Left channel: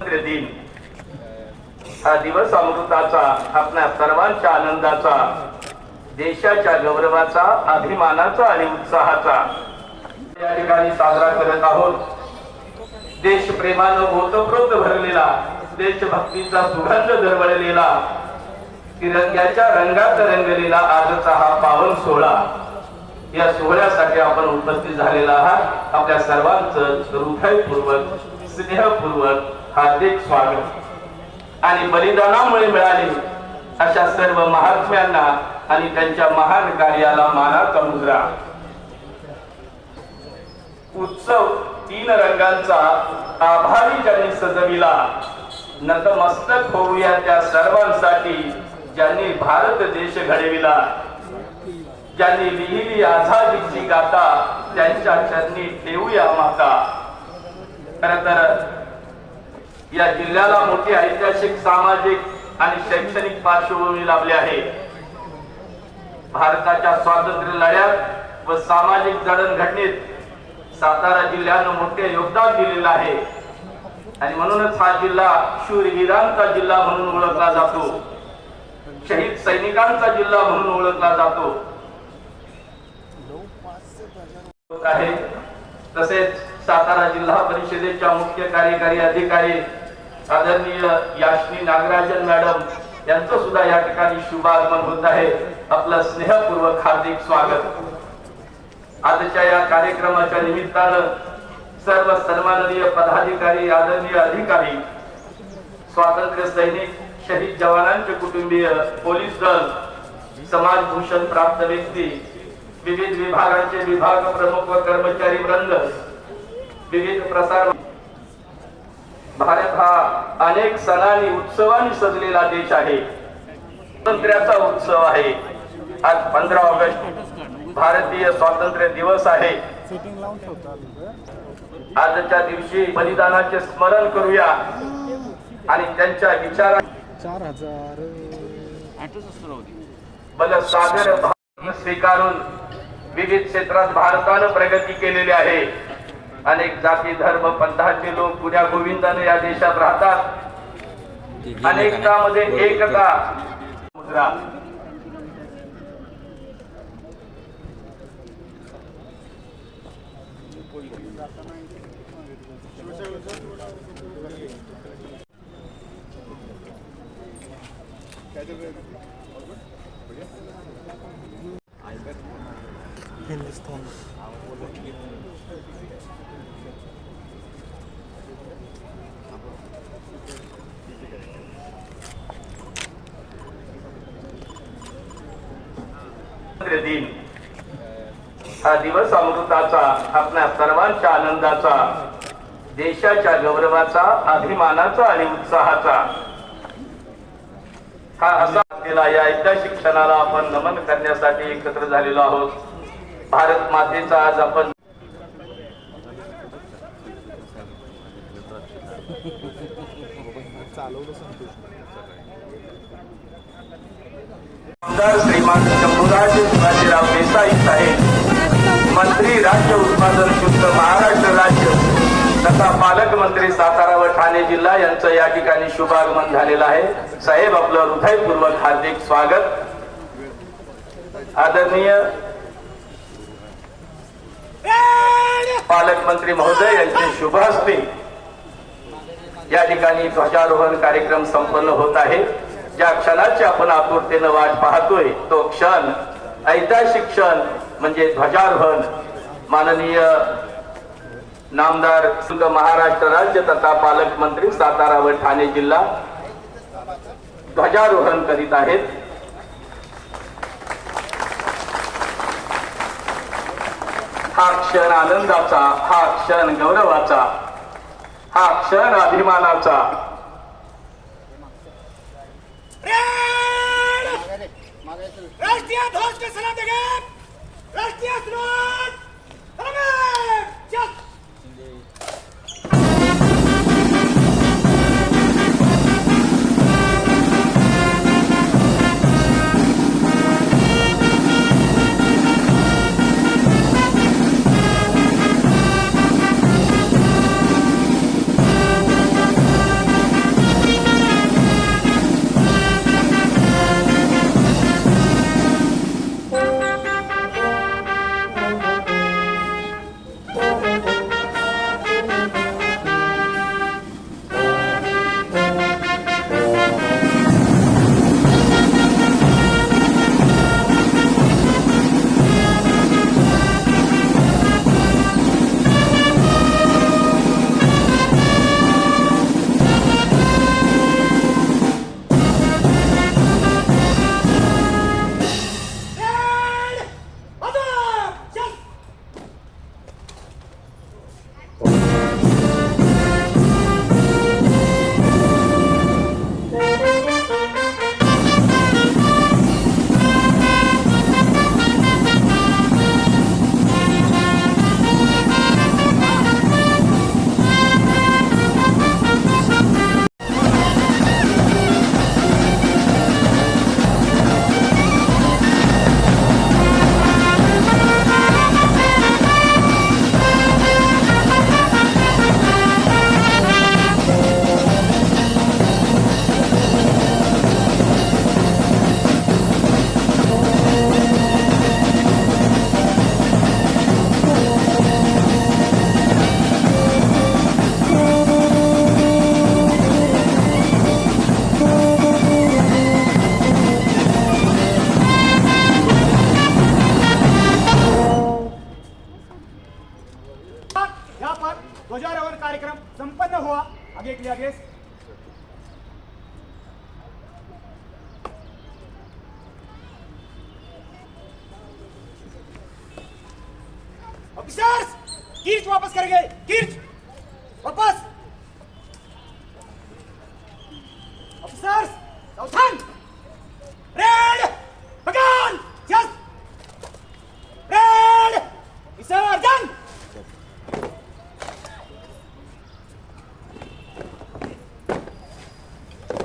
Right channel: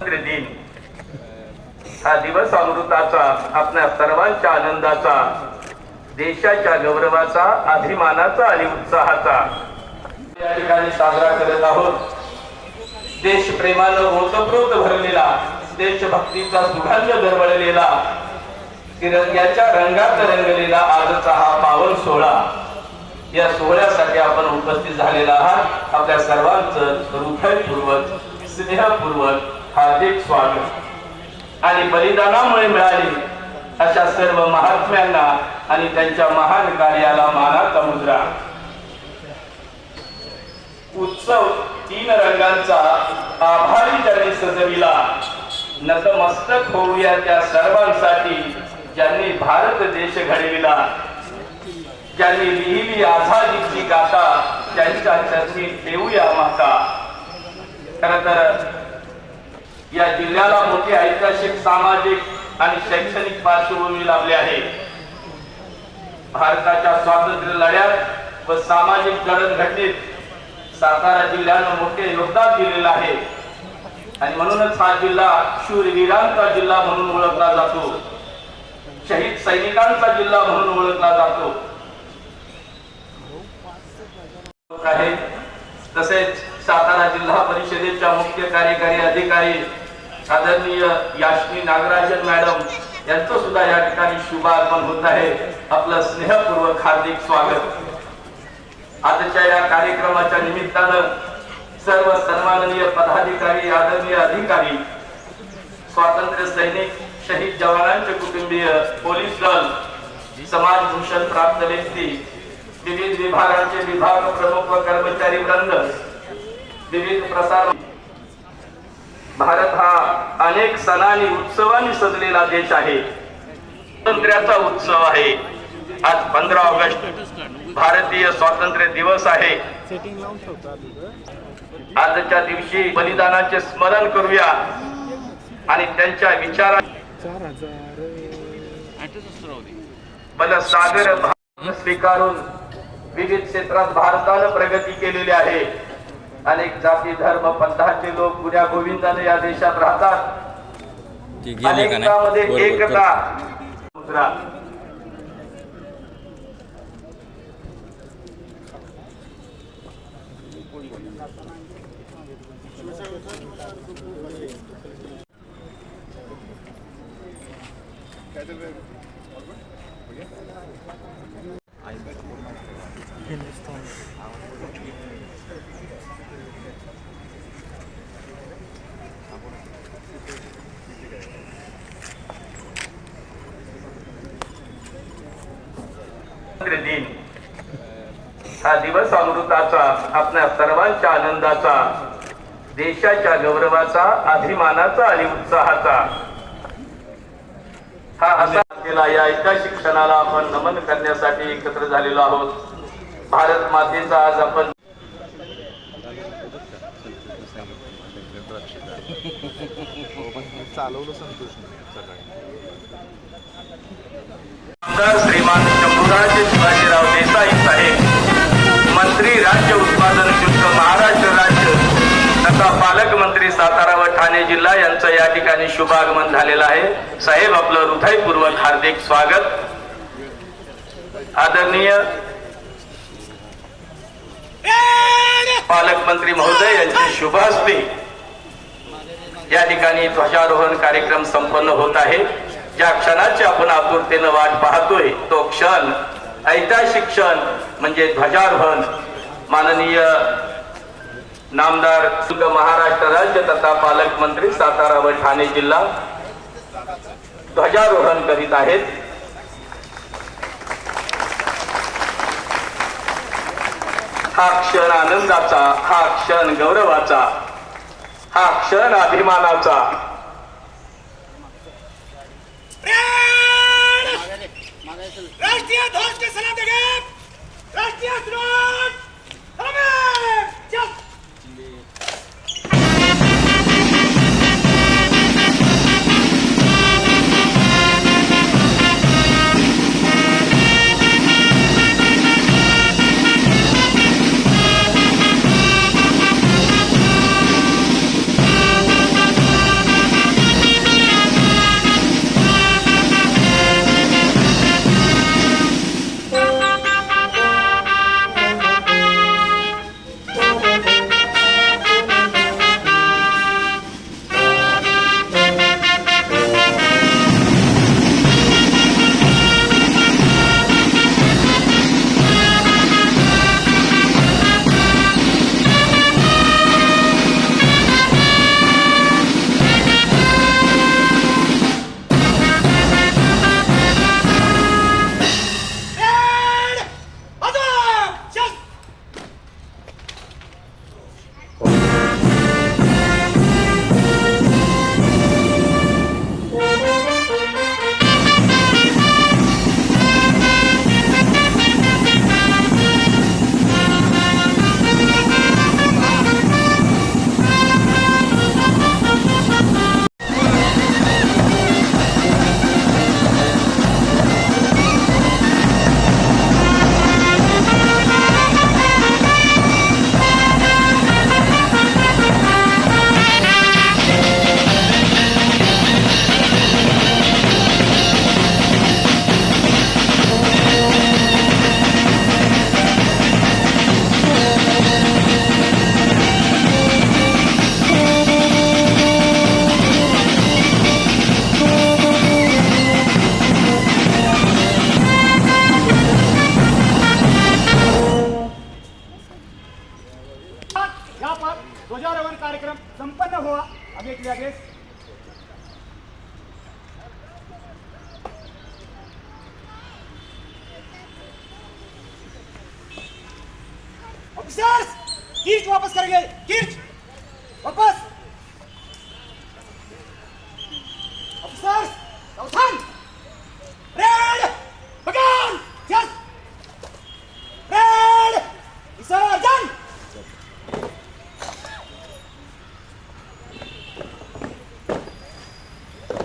दिन. हा दिवस अमृताचा आपल्या सर्वांच्या आनंदाचा देशाच्या गौरवाचा अभिमानाचा आणि उत्साहाचा. या ठिकाणी साजरा करत आहोत. देशप्रेमानं ओतप्रोत भरलेला देशभक्तीचा सुगंध दरवळलेला तिरंग्याच्या रंगात रंगलेला आजचा हा पावन सोहळा. या सोहळ्यासाठी आपण उपस्थित झालेला आहात. आपल्या सर्वांचं हृदयपूर्वक स्नेहपूर्वक हार्दिक स्वागत. आणि बलिदानामुळे मिळाले अशा सर्व महात्म्यांना आणि त्यांच्या महान कार्याला मानाचा मुद्रा. उत्सव तीन रंगांचा आभारी ज्यांनी सजविला नतमस्तक होऊया त्या सर्वांसाठी ज्यांनी भारत देश घडविला. ज्यांनी लिहिली आझादीची गाथा त्यांच्या चरणी देऊया माता. खर तर या जिल्ह्याला मोठी ऐतिहासिक सामाजिक आणि शैक्षणिक पार्श्वभूमी लाभली आहे. भारताच्या स्वातंत्र्य लढ्यात व सामाजिक जडणघडणीत सातारा जिल्ह्यानं मोठे योगदान दिलेलं आहे. आणि म्हणूनच हा जिल्हा शूरवीरांचा जिल्हा म्हणून ओळखला जातो. शहीद सैनिकांचा जिल्हा म्हणून ओळखला जातो. तसेच सातारा जिल्हा परिषदेच्या मुख्य कार्यकारी अधिकारी आदरणीय याशनी नागराजन मॅडम यांचं सुद्धा या ठिकाणी शुभागमन होत आहे. आपलं स्नेहपूर्वक हार्दिक स्वागत. आजच्या या कार्यक्रमाच्या निमित्तानं सर्व सन्माननीय पदाधिकारी आदरणीय अधिकारी स्वातंत्र्य सैनिक शहीद जवानांचे कुटुंबीय पोलीस दल समाज भूषण प्राप्त व्यक्ती विविध विभागांचे विभाग प्रमुख व कर्मचारी वृंद विविध प्रसार भारत हा अनेक सणांनी उत्सवांनी सजलेला देश आहे. स्वातंत्र्याचा उत्सव आहे. आज पंधरा ऑगस्ट भारतीय स्वातंत्र्य दिवस आहे. आजच्या दिवशी बलिदानाचे स्मरण करूया आणि त्यांच्या विचारा बलसागर सागर भाग स्वीकारून विविध क्षेत्रात भारतानं प्रगती केलेली आहे. अनेक जाती धर्म पंथाचे लोक पुण्या गोविंदाने या देशात राहतात. अनेकतामध्ये एकता. मुद्रा. स्वातंत्र्य दिन. हा दिवस अमृताचा आपल्या सर्वांच्या आनंदाचा देशाच्या गौरवाचा अभिमानाचा आणि उत्साहाचा. हा असा या एकदा शिक्षणाला आपण नमन करण्यासाठी एकत्र झालेलो आहोत. भारत मातेचा आज आपण आमदार श्रीमान शंभूराज शिवाजीराव देसाई साहेब मंत्री राज्य उत्पादन शुल्क महाराष्ट्र राज्य तथा पालकमंत्री सातारा व ठाणे जिल्हा यांचं या ठिकाणी शुभागमन झालेलं आहे. साहेब आपलं हृदयपूर्वक हार्दिक स्वागत. आदरणीय पालकमंत्री महोदय यांची शुभ असते या ठिकाणी ध्वजारोहण कार्यक्रम संपन्न होत आहे. ज्या क्षणाची आपण आतुरतेनं वाट पाहतोय तो क्षण ऐतिहासिक क्षण म्हणजे ध्वजारोहण. माननीय नामदार सुग महाराष्ट्र राज्य तथा पालकमंत्री सातारा व ठाणे जिल्हा ध्वजारोहण करीत आहेत. हा क्षण आनंदाचा हा क्षण गौरवाचा हा क्षण अभिमानाचा. राष्ट्रीय ध्वज के सलाम देंगे राष्ट्रीय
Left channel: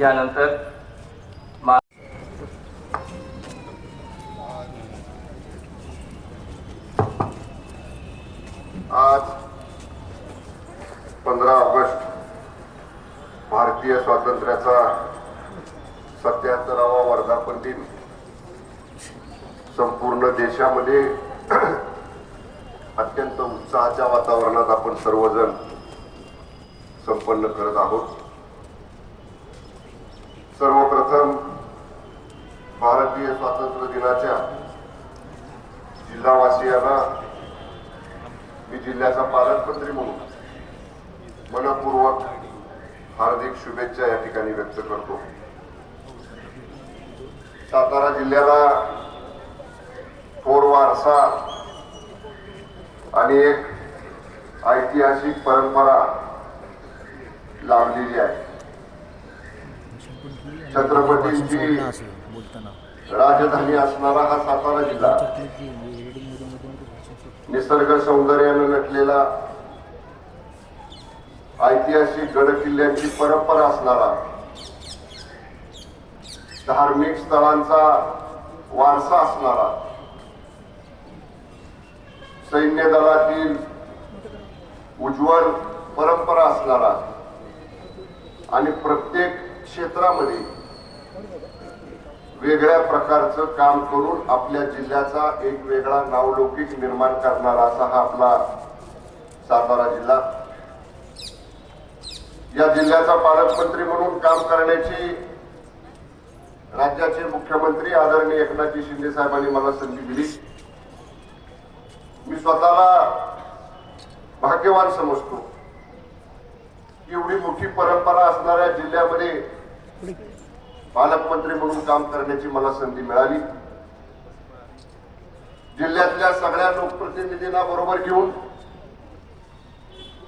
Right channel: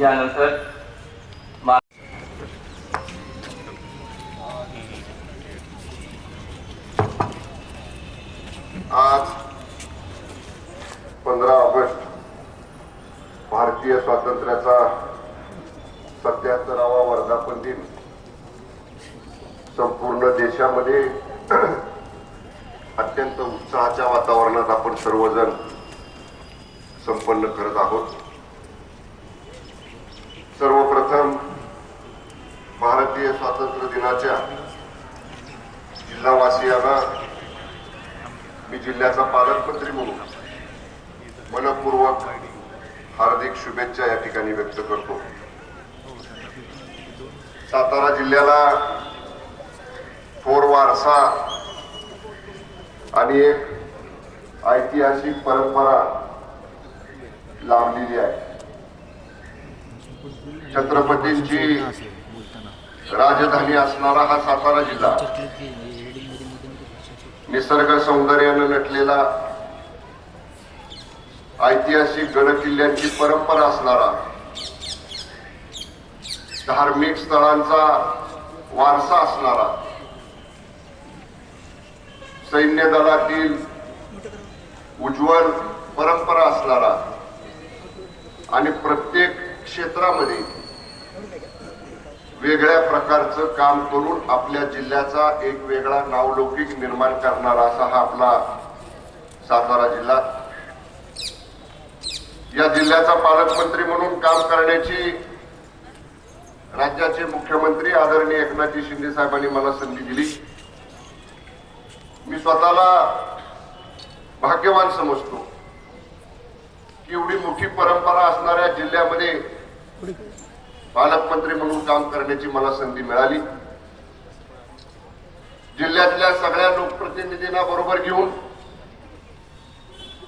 यानंतर मा- आज पंधरा ऑगस्ट भारतीय स्वातंत्र्याचा सत्याहत्तरावा वर्धापन दिन संपूर्ण देशामध्ये अत्यंत उत्साहाच्या वातावरणात आपण सर्वजण संपन्न करत आहोत. भारतीय स्वातंत्र्य दिनाच्या जिल्हावासियांना मी जिल्ह्याचा पालकमंत्री म्हणून मनपूर्वक हार्दिक शुभेच्छा या ठिकाणी व्यक्त करतो. सातारा जिल्ह्याला थोर वारसा आणि एक ऐतिहासिक परंपरा लाभलेली आहे. छत्रपतींची राजधानी असणारा हा सातारा जिल्हा निसर्ग सौंदर्यानं नटलेला ऐतिहासिक गडकिल्ल्यांची परंपरा असणारा धार्मिक स्थळांचा वारसा असणारा सैन्य दलातील उज्ज्वल परंपरा असणारा आणि प्रत्येक क्षेत्रामध्ये वेगळ्या प्रकारचं काम करून आपल्या जिल्ह्याचा एक वेगळा नावलौकिक निर्माण करणारा असा हा आपला सातारा जिल्हा. या जिल्ह्याचा पालकमंत्री म्हणून काम करण्याची राज्याचे मुख्यमंत्री आदरणीय एकनाथजी शिंदे साहेबांनी मला संधी दिली. मी स्वतःला भाग्यवान समजतो की एवढी मोठी परंपरा असणाऱ्या जिल्ह्यामध्ये पालकमंत्री म्हणून काम करण्याची मला संधी मिळाली. जिल्ह्यातल्या सगळ्या लोकप्रतिनिधींना बरोबर घेऊन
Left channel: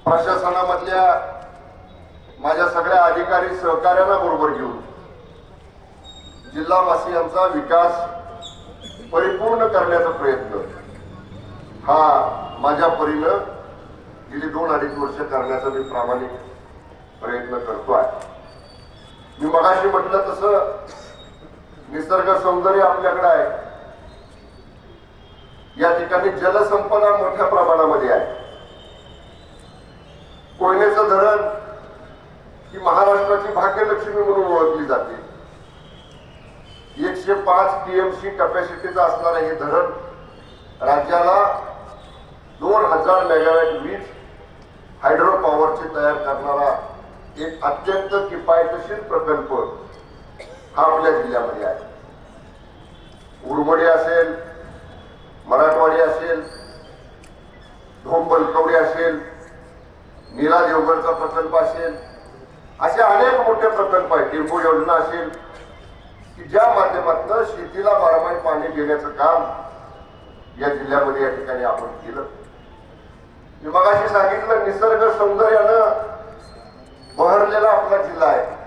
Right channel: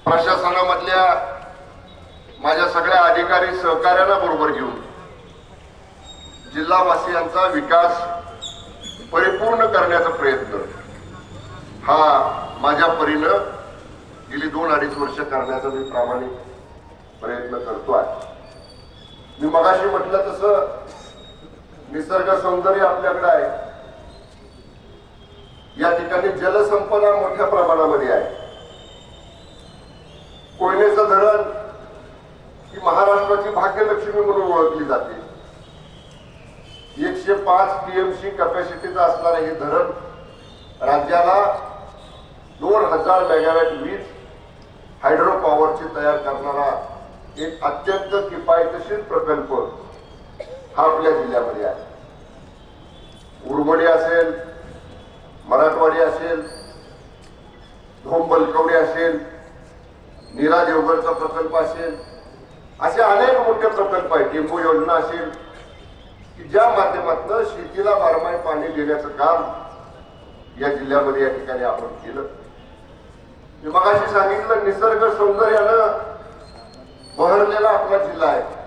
प्रशासनामधल्या माझ्या सगळ्या अधिकारी सहकार्यांना बरोबर घेऊन जिल्हावासियांचा विकास परिपूर्ण करण्याचा प्रयत्न हा माझ्या परीनं गेली दोन अडीच वर्ष करण्याचा मी प्रामाणिक प्रयत्न करतो आहे मी मगाशी म्हटलं तसं निसर्ग सौंदर्य आपल्याकडे आहे. या ठिकाणी जलसंपदा मोठ्या प्रमाणामध्ये आहे. कोयनेचं धरण ही महाराष्ट्राची भाग्यलक्ष्मी म्हणून ओळखली जाते. एकशे पाच टीएमसी कॅपॅसिटीचं असणारं हे धरण राज्याला दोन हजार मेगावॅट वीज हायड्रो पॉवरची तयार करणारा एक अत्यंत किफायतशीर प्रकल्प हा आपल्या जिल्ह्यामध्ये आहे. उरमडी असेल मराठवाडी असेल धोम बलकवडी असेल नीला देवगडचा प्रकल्प असेल असे अनेक मोठे प्रकल्प आहेत. टेम्पो योजना असेल की ज्या माध्यमातून शेतीला बारमाही पाणी देण्याचं काम या जिल्ह्यामध्ये या ठिकाणी आपण केलं. मी मगाशी सांगितलं निसर्ग सौंदर्यानं बहरलेला आपला जिल्हा आहे.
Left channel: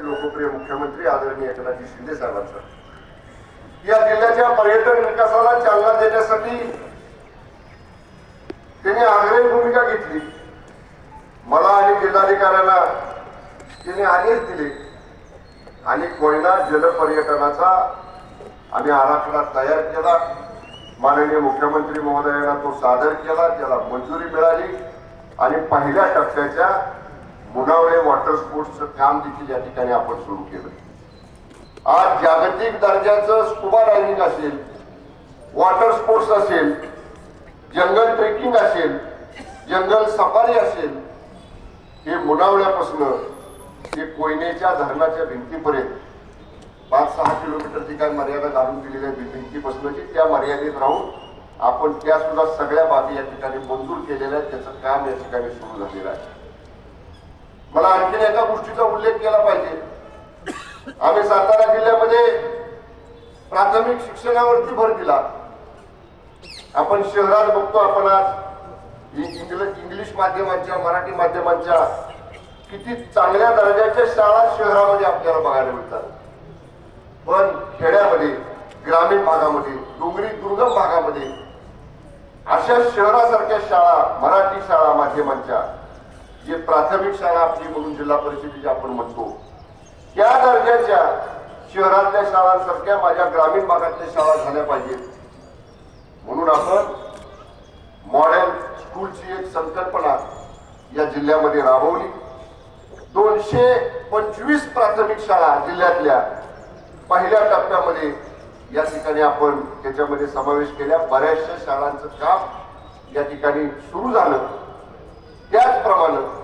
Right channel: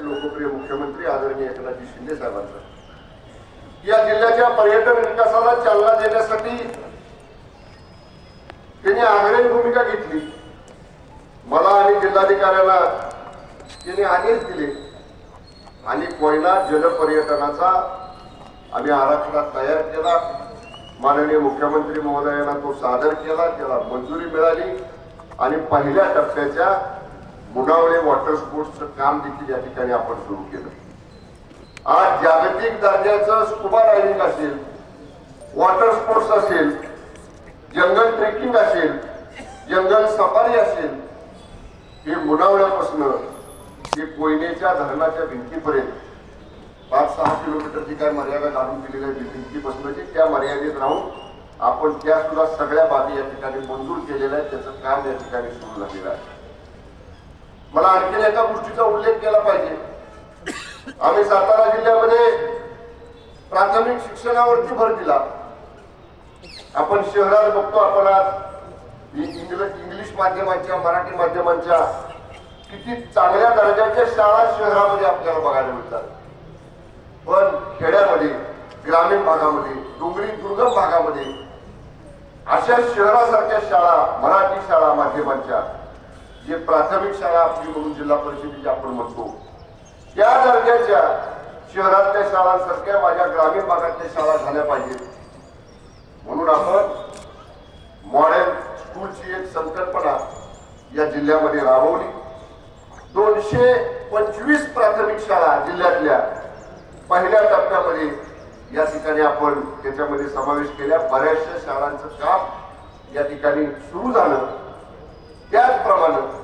लोकप्रिय मुख्यमंत्री आदरणीय एकनाथजी शिंदे साहेबांचा. या जिल्ह्याच्या पर्यटन विकासाला चालना देण्यासाठी तिने आग्रही भूमिका घेतली. मला आणि जिल्हाधिकाऱ्याला तिने आदेश दिले. आणि कोयना जलपर्यटनाचा आम्ही आराखडा तयार केला. माननीय मुख्यमंत्री महोदयांना तो सादर केला. त्याला मंजुरी मिळाली. आणि पहिल्या टप्प्याच्या मुनावळे वॉटर स्पोर्ट्सचं काम देखील या ठिकाणी आपण सुरू केलं. आज जागतिक दर्जाचं स्कुबा डायव्हिंग असेल वॉटर स्पोर्ट्स असेल जंगल ट्रेकिंग असेल जंगल सफारी असेल हे मुनावळ्यापासून हे कोयनेच्या धरणाच्या भिंतीपर्यंत पाच सहा किलोमीटरची काय मर्यादा घालून दिलेल्या भिंतीपासून त्या मर्यादेत राहून आपण त्या सुद्धा सगळ्या बाबी या ठिकाणी मंजूर केलेल्या आहेत त्याचं काम या ठिकाणी सुरू झालेलं आहे. मला आणखीन एका गोष्टीचा उल्लेख केला पाहिजे. आम्ही सातारा जिल्ह्यामध्ये प्राथमिक शिक्षणावरती भर दिला. आपण शहरात बघतो आपण आज इंग्लिश माध्यमांच्या मराठी माध्यमांच्या किती चांगल्या दर्जाच्या शाळा शहरामध्ये आपल्याला बघायला मिळतात. पण खेड्यामध्ये ग्रामीण भागामध्ये डोंगरी दुर्गम भागामध्ये अशा शहरासारख्या शाळा मराठी शाळा माध्यमांच्या जे प्राथमिक शाळा आपली म्हणून जिल्हा परिषदेची आपण म्हणतो त्या दर्जाच्या शहरातल्या शाळांसारख्या माझ्या ग्रामीण भागातल्या शाळा झाल्या पाहिजेत म्हणून आपण मॉडेल स्कूलची एक संकल्पना या जिल्ह्यामध्ये राबवली. दोनशे पंचवीस प्राथमिक शाळा जिल्ह्यातल्या पहिल्या टप्प्यामध्ये या ठिकाणी आपण त्याच्यामध्ये समावेश केल्या. बऱ्याचशा शाळांचं काम या ठिकाणी सुरू झालं. त्याचप्रमाणे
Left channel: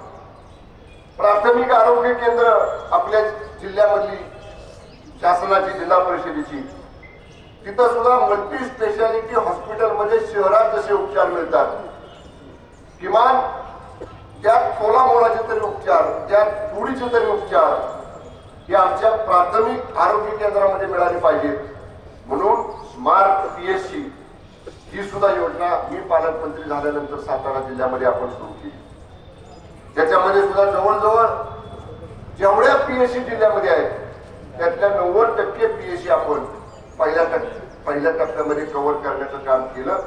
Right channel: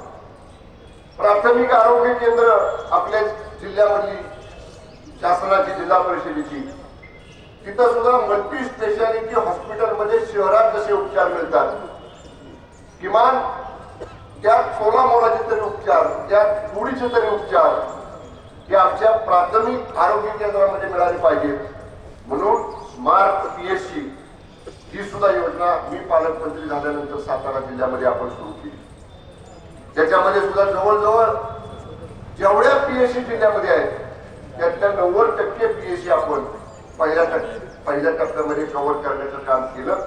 प्राथमिक आरोग्य केंद्र आपल्या जिल्ह्यामधली शासनाची जिल्हा परिषदेची. तिथं सुद्धा मल्टी स्पेशालिटी हॉस्पिटलमध्ये शहरात जसे उपचार मिळतात. किमान त्यात सोळा मोलाचे तरी उपचार त्यात थोडीचे तरी उपचार हे आमच्या प्राथमिक आरोग्य केंद्रामध्ये मिळाले पाहिजेत म्हणून स्मार्ट पीएससी ही सुद्धा योजना मी पालकमंत्री झाल्यानंतर सातारा जिल्ह्यामध्ये आपण सुरू केली. त्याच्यामध्ये सुद्धा जवळजवळ जेवढ्या पीएससी जिल्ह्यामध्ये आहेत त्यातल्या नव्वद टक्के पीएससी आपण पहिल्या पहिल्या टप्प्यामध्ये कव्हर करण्याचं काम केलं.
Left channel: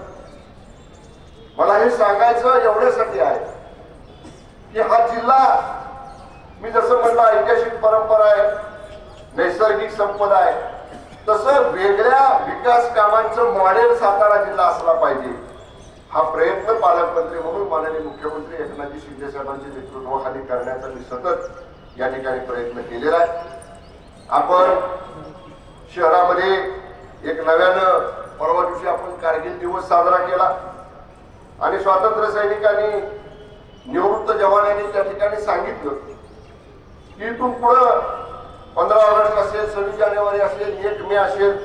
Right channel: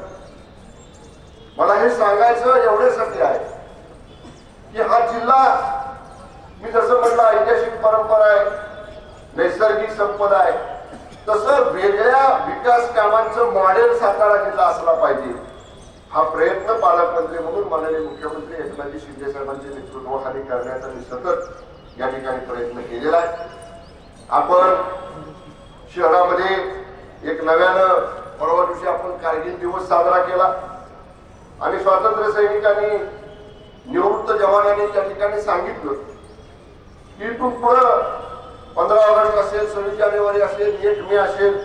मला हे सांगायचं एवढ्यासाठी आहे की हा जिल्हा मी जसं म्हणलं ऐतिहासिक परंपरा आहे नैसर्गिक संपदा आहे तसं वेगळ्या विकास कामांचं मॉडेल सातारा जिल्हा असला पाहिजे. हा प्रयत्न पालकमंत्री म्हणून माननीय मुख्यमंत्री एकनाथजी शिंदे साहेबांच्या नेतृत्वाखाली करण्याचा मी सतत या ठिकाणी प्रयत्न केलेला आहे. आपण शहरामध्ये एक नव्यानं परवा दिवशी आपण कारगिल दिवस साजरा केला. आणि स्वातंत्र्य सैनिकांनी निवृत्त जवानांनी त्या ठिकाणी सांगितलं की तू पुढं पंधरा ऑगस्ट असेल सव्वीस जानेवारी असेल एक मे असेल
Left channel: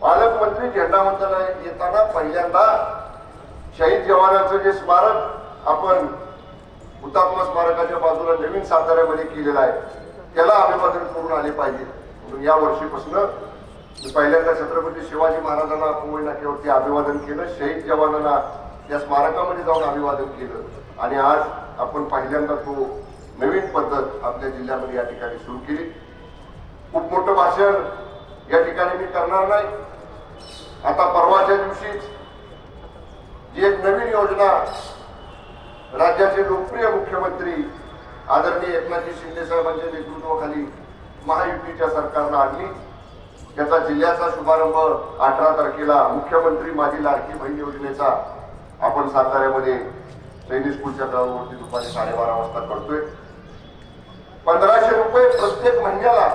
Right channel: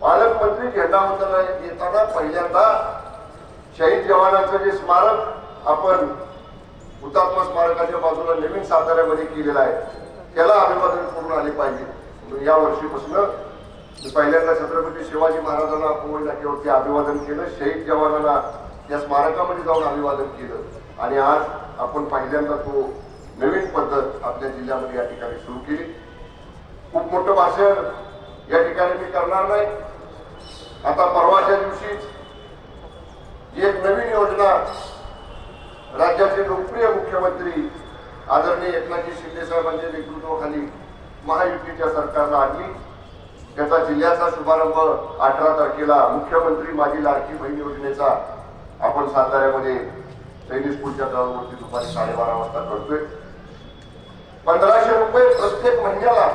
पालकमंत्री झेंडा उतरला येताना पहिल्यांदा शहीद जवानांचं जे स्मारक आपण हुतात्मा स्मारकाच्या बाजूला नवीन साताऱ्यामध्ये केलेलं आहे त्याला अभिवादन करून आले पाहिजे. म्हणून या वर्षीपासून मी पहिल्यांदा छत्रपती शिवाजी महाराजांना कुंभल नाक्यावरती अभिवादन केलं शहीद जवानांना त्या स्मारकामध्ये जाऊन अभिवादन केलं. आणि आज आपण पहिल्यांदा तो नवीन पद्धत आपल्या जिल्ह्यामध्ये या ठिकाणी सुरू केली. खूप मोठं भाषण या ठिकाणी मी करणार नाही. आता परवाच्या दिवशीच जी एक नवीन योजना राज्याचे लोकप्रिय मुख्यमंत्री आदरणीय एकनाथजी शिंदे साहेबांच्या नेतृत्वाखाली महायुतीच्या सरकारला आणली. त्याचा जिल्ह्याचा शुभारंभ अठरा तारखेला मुख्यमंत्री माझी लाडकी बहीण योजनेचा आपण साताऱ्यामध्ये सैनिक स्कूलच्या ग्राउंडवरती दुपारी साडेबारा वाजता करतोय. पंधराशे रुपये प्रत्येक महिन्याला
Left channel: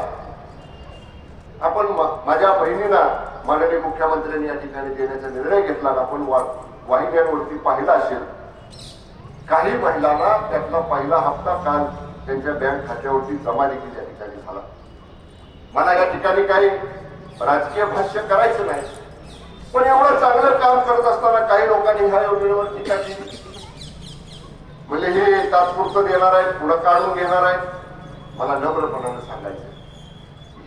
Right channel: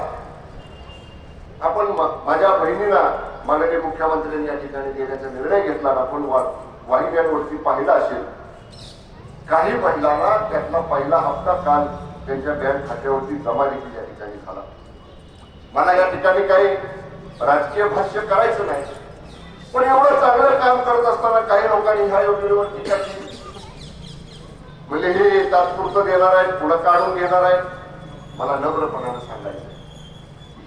आपण माझ्या बहिणीला माननीय मुख्यमंत्र्यांनी या ठिकाणी देण्याचा निर्णय घेतला आपण आपण वाईगॅडवरती वाहिन्यांवरती पाहिला असेल काही महिलांना त्यातला पहिला हप्ता काल त्यांच्या बँक खात्यावरती जमा देखील या ठिकाणी झाला. मला या ठिकाणी काही राजकीय भाष्य करायचं नाही पण एवढं चांगलं काम करत असताना काही लोकांनी ह्या योजनेवर टीका केली? म्हणजे हे तात्पुरतं देणार आहेत पुढं काढून घेणार आहेत मला नम्रपणानं सांगायचं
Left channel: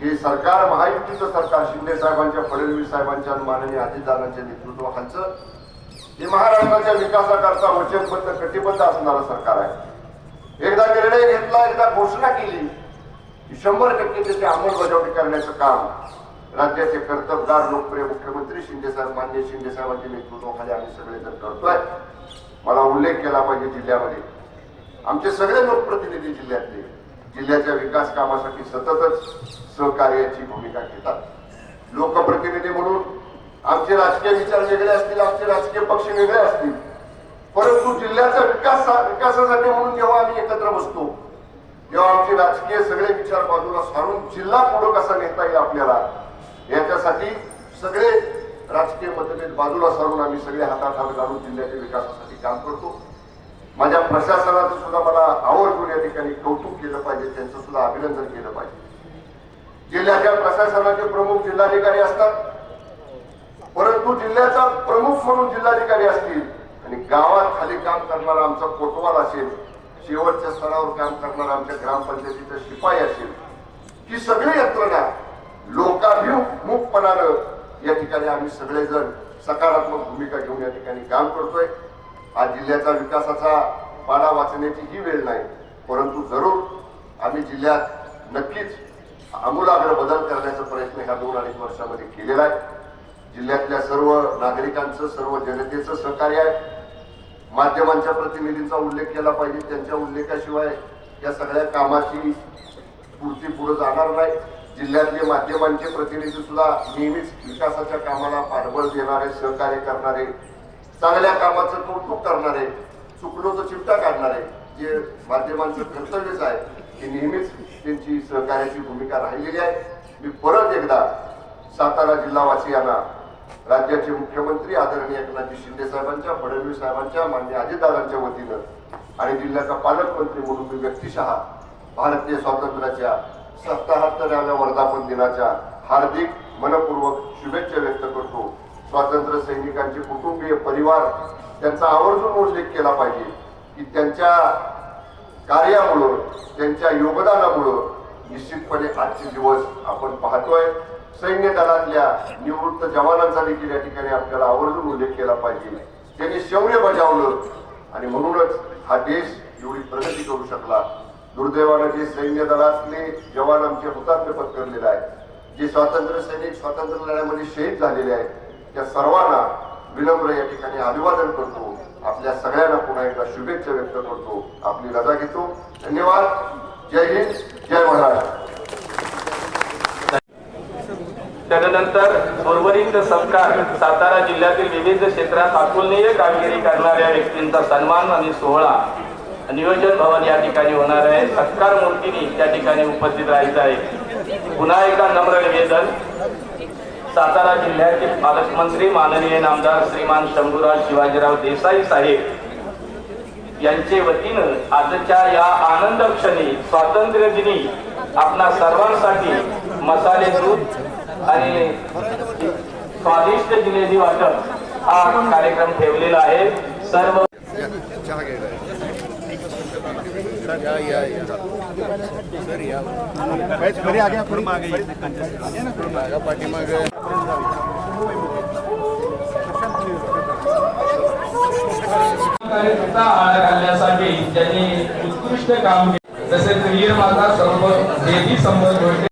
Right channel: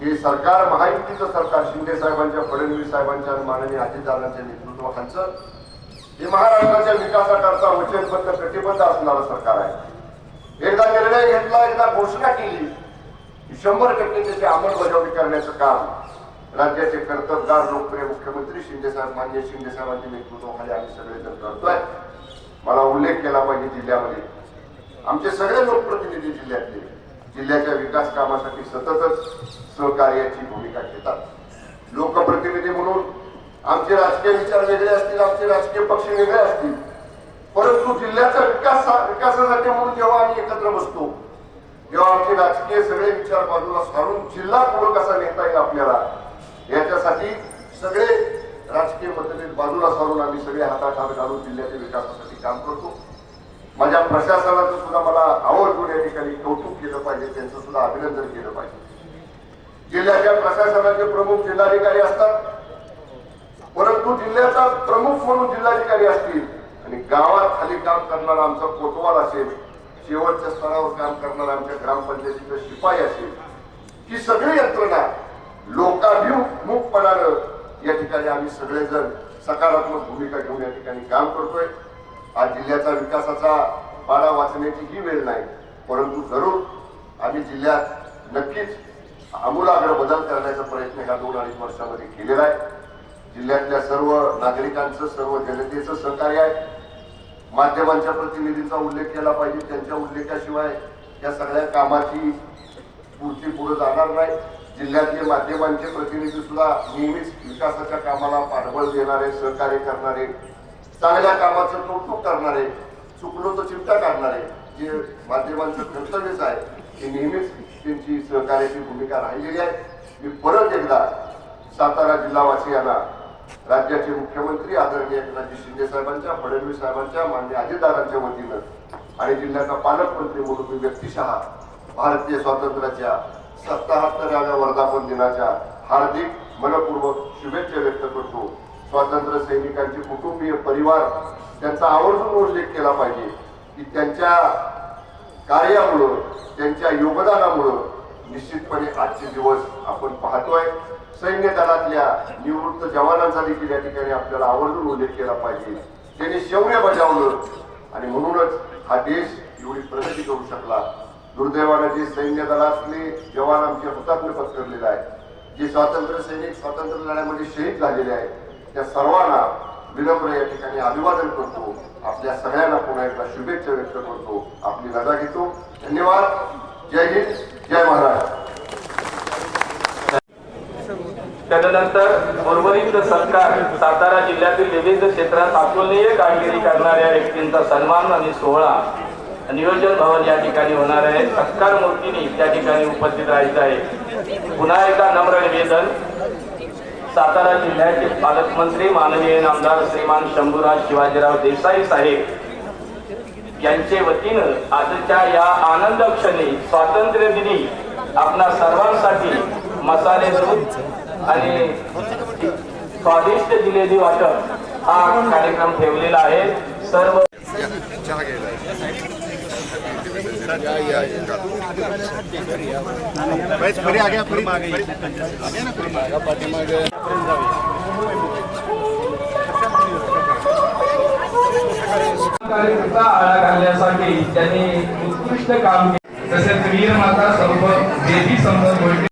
हे सरकार महायुतीचं सरकार शिंदे साहेबांच्या फडणवीस साहेबांच्या आणि माननीय अजितदादांच्या नेतृत्वाखालचं हे महाराष्ट्राच्या विकासाकरता वचनबद्ध कटिबद्ध असणारं सरकार आहे. एकदा निर्णय घेतला एकदा घोषणा केली की शंभर टक्के त्याची अंमलबजावणी करण्याचं काम राज्याचे कर्तबगार लोकप्रिय मुख्यमंत्री शिंदे साहेब मान्य शिंदे साहेबांच्या नेतृत्वाखाली आम्ही सगळेजण करतोय. मला उल्लेख केला पाहिजे जिल्ह्यामध्ये. आमचे सगळे लोकप्रतिनिधी जिल्ह्यातले जिल्ह्याच्या विकास कामासाठी सततच सहकार्याची भूमिका घेतात. लोकप्रतिनिधी म्हणून आमचे राजकीय विचार वेगळे असतील आमचे राजकीय पक्ष वेगळे असतील. परंतु जिल्ह्याचा विकास विकासासाठी म्हणून जेव्हा आम्ही एकत्र बसतो तेव्हा आमचे राजकीय सगळे विचार बाजूला सारून जिल्हा पुढे कसा नेता येईल आपल्याला याच्यासाठी सगळे राजकीय पद्धतीत बाजूला सारून आम्ही सगळे हातात हात घालून जिल्ह्याच्या विकासासाठी काम करतो. माझ्या प्रशासनाचं सुद्धा मला आवर्जून या ठिकाणी कौतुक केलं पाहिजे त्यांचं सुद्धा अभिनंदन केलं पाहिजे. जिल्ह्याच्या प्रशासनाचे प्रमुख जिल्हाधिकारी असतात परंतु जिल्ह्याचा प्रमुख म्हणून जिल्हाधिकारी असतील आणि गावात खाली काम करणारा आमचा कोतवाल असेल शेवटच्या स्तरावर काम करणारा आमच्या ग्रामपंचायतीचा शिपाई असेल ही सगळी यंत्रणा लोकाभिमुखपणानं या ठिकाणी आम्ही सगळेजण सकारात्मक भूमिका घेऊन या ठिकाणी काम करतोय. हा जिल्ह्याचा विकासाचा पाडा वाचण्याची ही वेळ नाही परंतु जरूर आम्ही जिल्ह्यात नक्कीच आमूलाग्र बदल करण्याचा प्रयत्न ह्या दोन अडीच वर्षामध्ये केलेला आहे. जिल्ह्यातल्या सर्व नागरिकांचं सर्व जनतेचं सहकार्य आहे. माध्यमांच्या प्रतिनिधींचा उल्लेख केला पाहिजे. त्यांच्या उल्लेखाशिवाय या सगळ्या कामाची पूर्ती पुढे जाणार नाही. जिल्ह्यातले माध्यमांचे प्रतिनिधी सुद्धा नेहमीच विकासाच्या कामाला पाठबळ देणारे सहकार्य करणारे चांगल्या कामाचं कौतुक करणारे चुकलो तो चिमटा काढणारे जे माध्यमांचं कर्तव्यच आहे ते नेहमीच त्यांची सहकार्याची भूमिका राहिलेली आहे. मी परत एकदा सातारा जिल्हावासियांना राज्याचे मुख्यमंत्री आदरणीय एकनाथजी शिंदे साहेबांच्या फडणवीस साहेबांच्या मान्य अजितदारांच्या वतीनं आणि जिल्ह्याचा पालकमंत्री म्हणून मी व्यक्तिशः भारतीय स्वातंत्र्याच्या सत्ताहत्तराव्या वर्धापन दिनाच्या हार्दिक मनपूर्वक शुभेच्छा व्यक्त करतो. स्वातंत्र्य सैनिकांचे कुटुंबीय परिवार त्यांचा आवर्जून उल्लेख केला पाहिजे की त्यांच्या कार्यामुळं त्यांच्या योगदानामुळं निश्चितपणे आजचे दिवस आपण पाहतोय. सैन्य दलातल्या निवृत्त जवानांचा देखील या ठिकाणी आपल्याला आवर्जून उल्लेख केला पाहिजे. त्यांनी शौर्य बजावलं आणि म्हणूनच हा देश एवढी प्रगती करू शकला. दुर्दैवाने जे सैन्य दलातले जवान आमचे हुतात्म्य पत्करलेले आहेत जे स्वातंत्र्य सैनिक स्वातंत्र्य लढ्यामध्ये शहीद झालेले आहेत त्या सर्वांना विनम्र या ठिकाणी अभिवादन करतो. आपल्या सगळ्यांना पुन्हा एकदा शुभेच्छा व्यक्त करतो. आपली रजा घेतो. धन्यवाद. जय हिंद. जय महाराष्ट्र. त्यानंतर उर्वरित सत्कार सातारा जिल्ह्यातील विविध क्षेत्रात अतुलनीय कामगिरी करणाऱ्या व्यक्तींचा सन्मान आणि सोहळा नियोजन भवन या ठिकाणी होणार आहे. सत्कार मूर्तीने त्या ठिकाणी उपस्थित राहायचे आहे. पुन्हा एकदा नम्र निवेदन. सातारा जिल्ह्यातील पालकमंत्री माननीय नामदार श्रीमान शंभूराज शिवाजीराव देसाई साहेब यांचे वतीनं आजच्या या आनंद क्षणी स्वातंत्र्य दिनी आपणा सर्वांसाठी मसाले दूध आणि स्वादिष्ट जिलेबी वाटप हा कार्यक्रम ठेवलेला आहे. सर्व चहा घ्यायला कार्यकर्ता आळा घालण्यासाठी त्यांनी उत्कृष्ट काम केले. तसेच वीर माता सर्व देवी संभव